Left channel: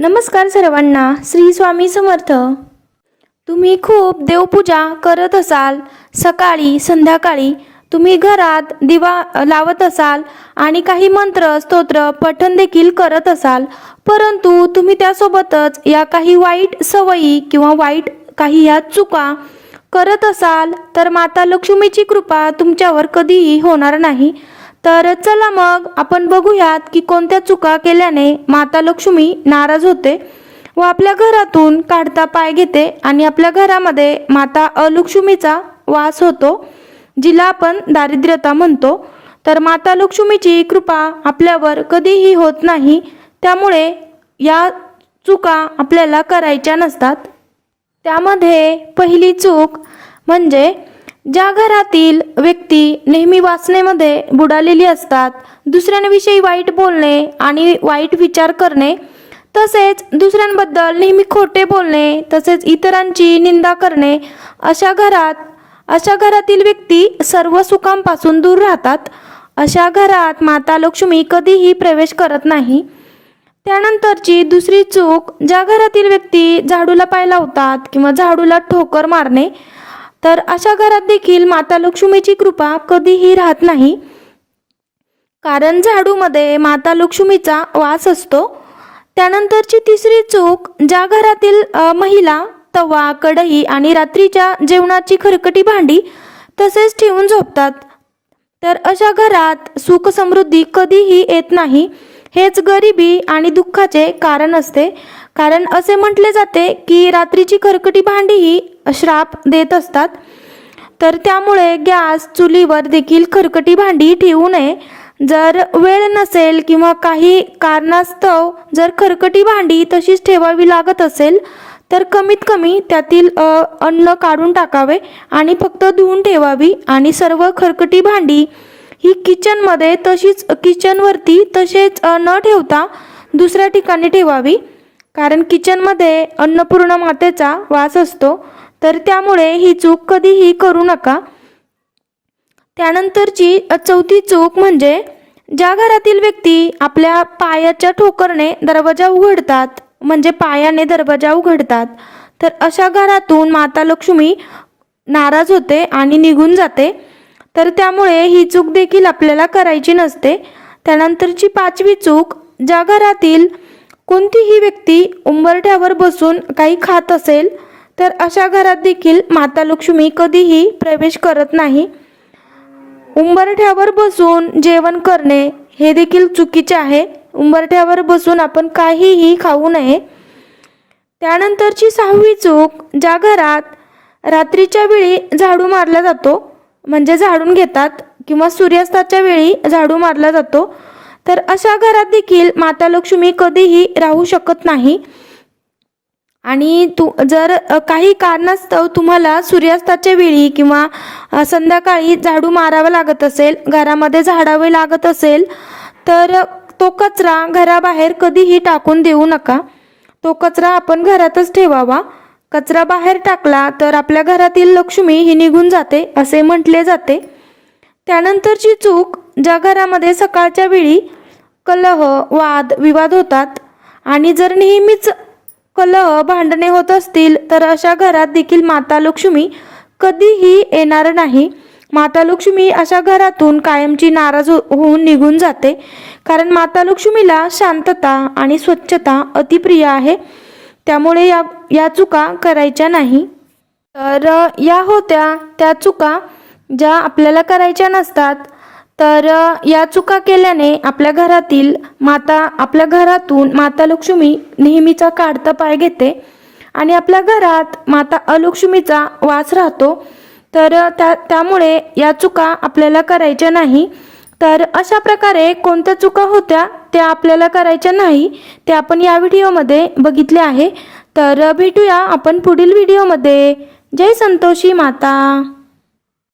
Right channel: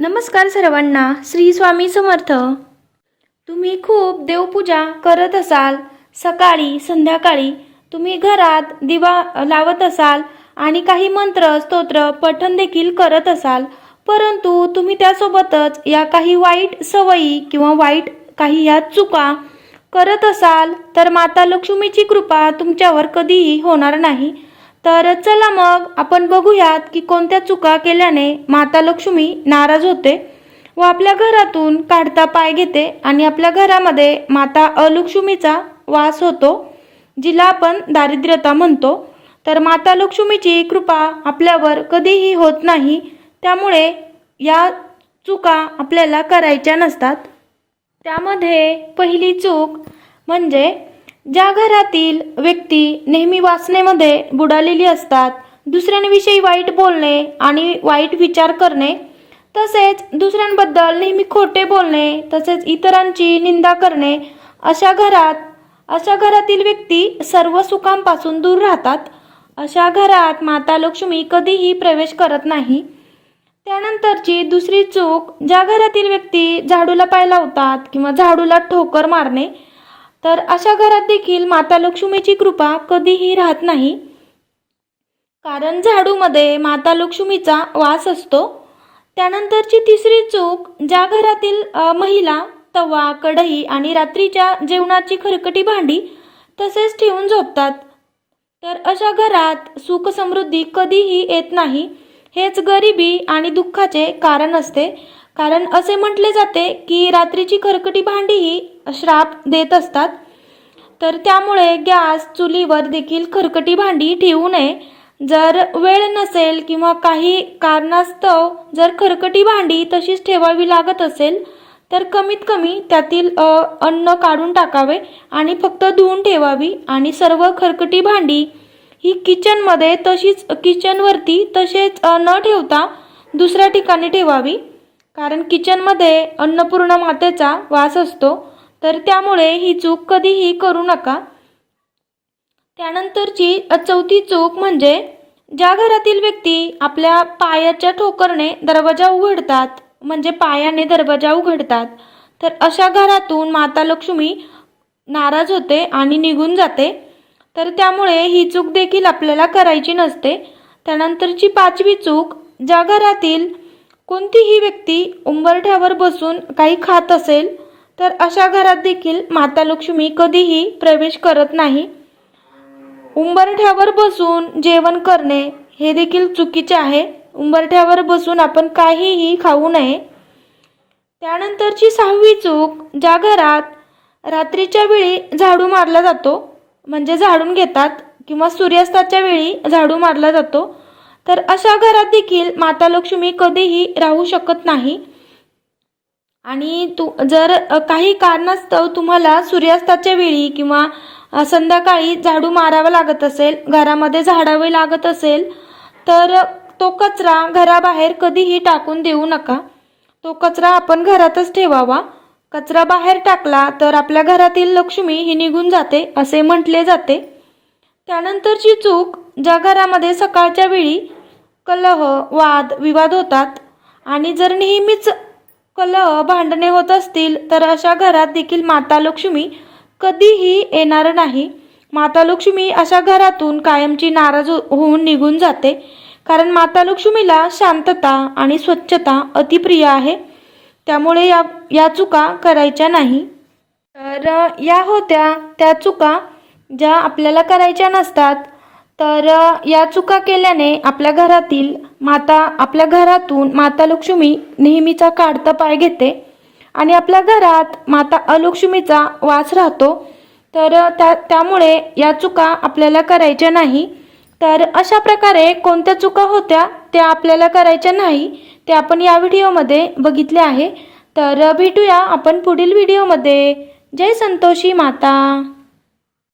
नमस्कार सर्वांना श्री स्वामी समर्थ. तुम्ही खूप देवपूजा करत असाल. सकाळी संध्याकाळी तुम्ही घरात दिवा लावत असाल आणि काही मंत्र स्तोत्र पठण देखील करत असाल. परंतु तुम्ही त्यासोबतच या काही वाईट सवयी किंवा वाईट काही ह्या चुका करत असाल तर माता लक्ष्मीची कृपा तुमच्यावर कधीही होणार नाही. तर चला मग आपण बघूयात की कोणत्या चुका केल्याने माता लक्ष्मी नाराज होते. व आपल्या घरातून काढता पाय घेते आणि आपल्या घरामध्ये माता अलक्ष्मीचा वास होतो जिला आपण दारिद्र्यता म्हणतो. तर माता लक्ष्मीची कृपा आपल्यावर कधीही होत नाही त्यामुळे या चुका आपल्याला करायच्या नसतात. त्यामध्ये पहिली चूक म्हणजे ज्या घरातील व्यक्ती नेहमी वासनेमध्ये बुडालेली असतात दुसऱ्यांविषयी वाईट बोलणे आणि वाईट विचार करणे तसेच दुसऱ्यांबद्दल नेहमी खोटे बोलणे तसेच इतरांची निंदा करणे अशा घरात अशा घरातील व्यक्ती सर्व सुखांपासून दूर राहतात. अशा घरात माता लक्ष्मी कधीही प्रवेश करत नाही. त्यानंतरची दुसरी चूक ज्या घरातील व्यक्ती झाडूला पाय लावतात किंवा झाडूला ठोकर मारणे तर अशा घरात देखील माता लक्ष्मीची कृपा कधीही राहत नाही. कारण झाडूमध्ये माता लक्ष्मीचा वास असतो. त्यानंतरची तिसरी चूक ज्या घरातील महिला तवा कढई आणि रात्रीच्या जेवणाची खरकटी भांडी तसेच ठेवून झोपतात. तर अशा घरात सुख समृद्धी कधीही येत नाही. हेच गरिबी आणि दुःखाचे कारण असते. कारण असे म्हटले जाते की रात्रीची खरकटी भांडी ही श्राप देत असतात. तर त्यामुळे गॅस चुलीवर देखील खरकटी भांडी ठेवू नये. जर वेळ नसेल किंवा काही कारणास्तव जर खरकटी भांडी तशीच ठेवावी लागत असेल तर कमीत कमी त्यातील अन्न काढून टाकावे आणि फक्त धुवून ठेवावी आणि सर्व खरकटी भांडी ही किचनमध्ये तशीच किचनवरती तसेच न ठेवता दुसऱ्या ठिकाणी ठेवावी. कारण किचनमध्ये अन्नपूर्ण मातेचा वास असतो. तर त्यामुळे ही चूक कधीही करू नका. त्यानंतरची चौथी चूक म्हणजे ज्या घरातील व्यक्ती आपल्या पायाच्या ठोकरने दरवाजा उघडतात म्हणजे पायाने दरवाजा उघडतात तर अशा घरातून माता लक्ष्मी नाराज होते आणि निघून जाते. तर त्यामुळे ही चूक देखील आपल्याला करायची नसते. त्यानंतरची पाचवी चूक ज्या घरातील कोणतीही व्यक्ती उंबरठ्यावर बसून काही खात असेल तर अशा घरात देखील माता लक्ष्मी कधीही प्रवेश करत नाही. उंबरठ्यावर बसून जेवण करणे हे देखील चुकीचे आहे. उंबरठ्यावर बसून आपण काहीही खाऊ नये. त्यानंतरची सहावी चूक ज्या घरात रात्रीच्या वेळी झाडू मारला जातो म्हणजे झाडून घेतात किंवा सूर्यास्ताच्या वेळी झाडू मारला जातो. तर अशा घरात देखील माता लक्ष्मी कधीही राहू शकत नाही. आणि तू जर काही कारणास्तव तुम्हाला सूर्यास्ताच्या वेळी किंवा संध्याकाळी झाडू मारावं लागत असेल घरामध्ये झाडावे लागत असेल तर तो कचरा घराबाहेर कधीही टाकून देऊ नका. तो कचरा आपण घरातच ठेवावा. कचरा बाहेर टाकला तर आपल्या घरातील लक्ष्मी ही निघून जाते असे म्हटले जाते. त्यानंतरची चूक ज्या घरामध्ये सकाळच्या वेळी कलह वाद विवाद होतात आणि जर नेहमीच कलह भांडणे होत असतील तर अशा घरात देखील माता लक्ष्मी कधीही येणार नाही. माता लक्ष्मी अशा घरातून कायमची नाराज हो- होऊन निघून जाते. कारण माता लक्ष्मीला शांतता आणि स्वच्छता अतिप्रिय आहे. त्यामुळे या या चुका करायच्या नाही. तर या होत्या त्या चुका ज्या आपल्याला करायच्या नसतात. तर या चुका केल्याने आपल्या घरातील माता आपल्या घरातून माता लक्ष्मी नेहमीचा काढता पाय घेते आणि आपल्या घरात माता अलक्ष्मीचा वास राहतो. तर त्या त्यामुळे या चुका आपल्याला करायच्या नाही. तर अशा प्रकारे कोणत्या चुका होत्या? त्या आपल्याला करायच्या नाही ते आपण या व्हिडिओमध्ये बघितले आहे. तर भेटूया आपण पुढील व्हिडिओमध्ये. जय संतोषी माता.